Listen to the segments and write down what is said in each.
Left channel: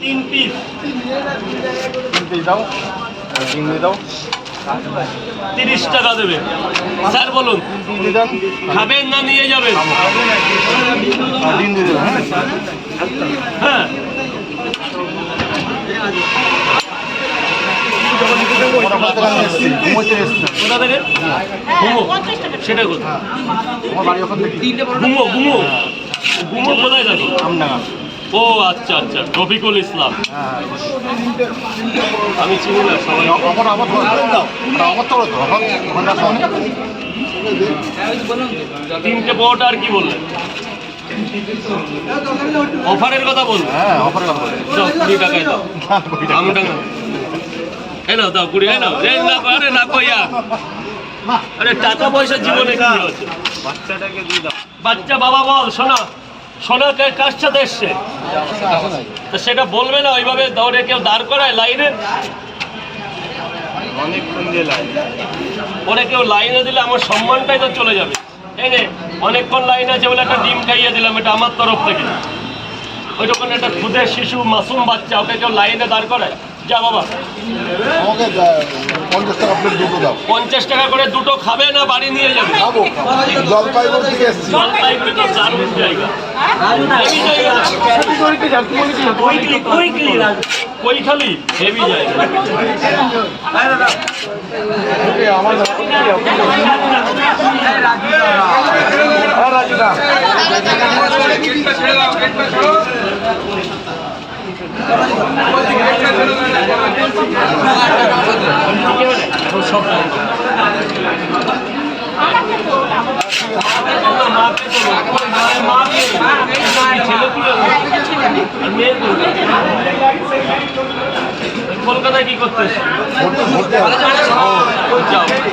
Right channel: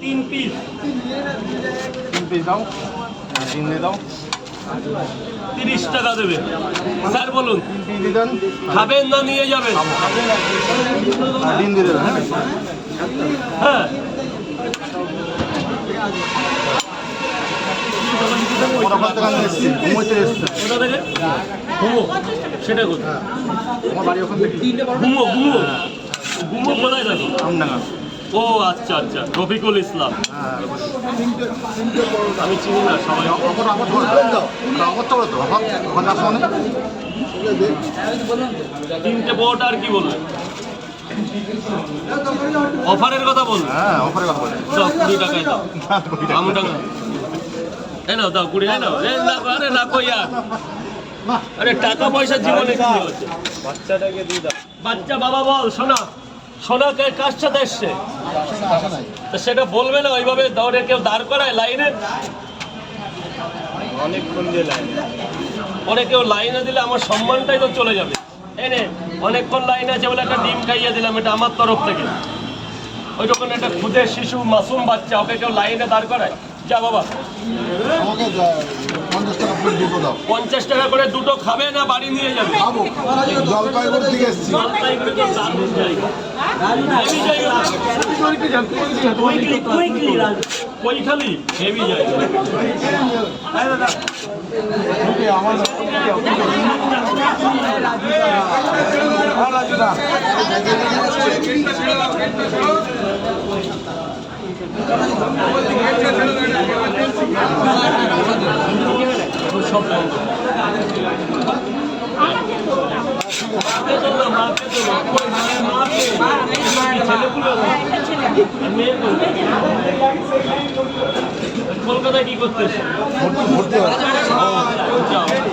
3 piece 3 piece দাও, চিংড়ি দাও। 30 টাকা দেবে। স্যার বলুন খাবেন না নিয়ে যাবেন? ডিম দিয়ে দেবে। হ্যাঁ কোথা থেকে? ঘুমো সেটা কোথায়? ঘুমো কোথায় থাকি? ও আচ্ছা আচ্ছা, রফিকুল ইসলাম। আমি চিনি না সবাই। 3টে পরোটা আর কি বললেন? অফারের কথা বলুন। হ্যাঁ, অফারের কথা বলছি। দাও 20 টাকায় দাও। আমটা এনো দাও 20। এনো এই না, আরে না কইয়া, আরে টাকা পয়সা জীবনে কি আছে? বাচ্চাটাকে দিয়ে দাও। বাচ্চা বাবা বল, শোনো শোনো, কার সাথে এসছে? তো সেটা বলবে না ওইভাবে দৌড়ে কেউ দাঁড় করায় লাইনে? অনেক কেউ লাইনে দিলে আমার সম্মানটাই তো চলে যাবে। এনে অনেকক্ষণ লাইন আছে বলে একটা ডিম খাইয়ে দিলাম, এটা আমার তরফ থেকে। ওই যখন একটা ক্ষুদে শিশু মাসুম বাচ্চা, ওকে কেউ লাইনে দাঁড় করায়? যা বাবা, আমাকে 50 টাকা প্লেট দুটো দাও। 50 টাকা করে দুটো খাবে না বাড়ি নিয়ে যাবে? খাবো, জলপাইগুড়ি থেকে এসেছি। জলপাইগুড়ি তো দারুণ জায়গা। কৈখালি হেভি জায়গা। কলকাতায় কি করতে?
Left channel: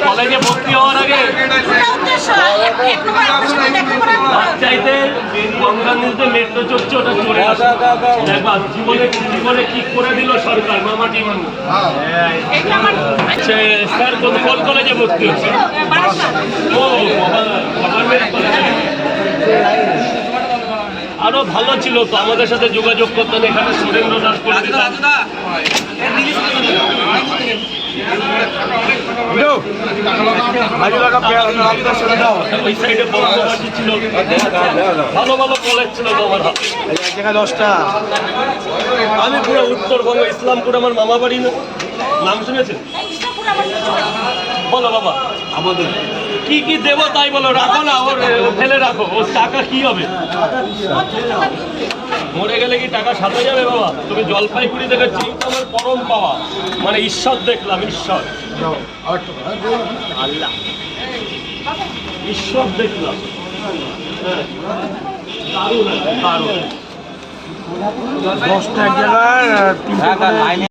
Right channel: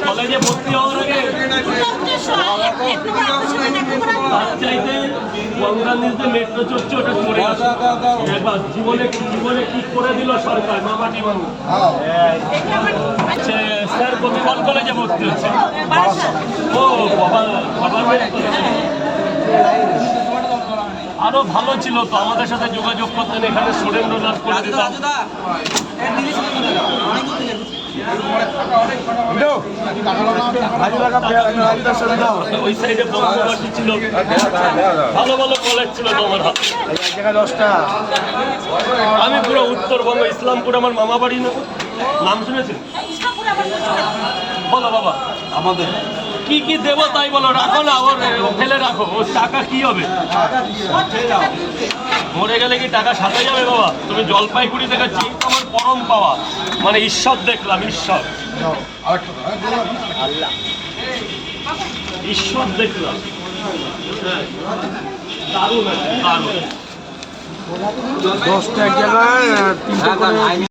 কলেজে ভর্তি হওয়ার আগে চাইতে গঙ্গা নদীতে মেট্রো চড়ছে, ওটা চড়ে আসে। জীবনে কি করে দিল সরকার, মামাটি মানুষ। আচ্ছা স্যার কোন কলেজে ভর্তি হচ্ছে? ও আরো ভালো ছিল তো, আমাদের সাথে যোগাযোগ করতেন। এখানে সুরেন্দ্রনাথ ওই সাইডে বঙ্গবাসী ছিল, ভালো ভালো কলেজ ছিল তোমার হাতে। আমি পুরো উত্তরবঙ্গ, ইসলামপুর আমার মামা বাড়ি। না নাম শুনেছেন? বলো বাবা, আমাদের কি কি দেবো তাই বলো। রাখো না, ওর ফেলে রাখো, ওর টাকা কি হবে? মরে গেলে কি টাকা সাথে যাবে বাবা? তুমি জলপাইগুড়ি দেখেছি, তোমার পরম পাওয়া, মানে ঈশ্বর দেখলাম, ঈশ্বর ঈশ্বর দেখলাম। দারুণ আছে, দারুণ। 10টা এক জায়গায় 3টে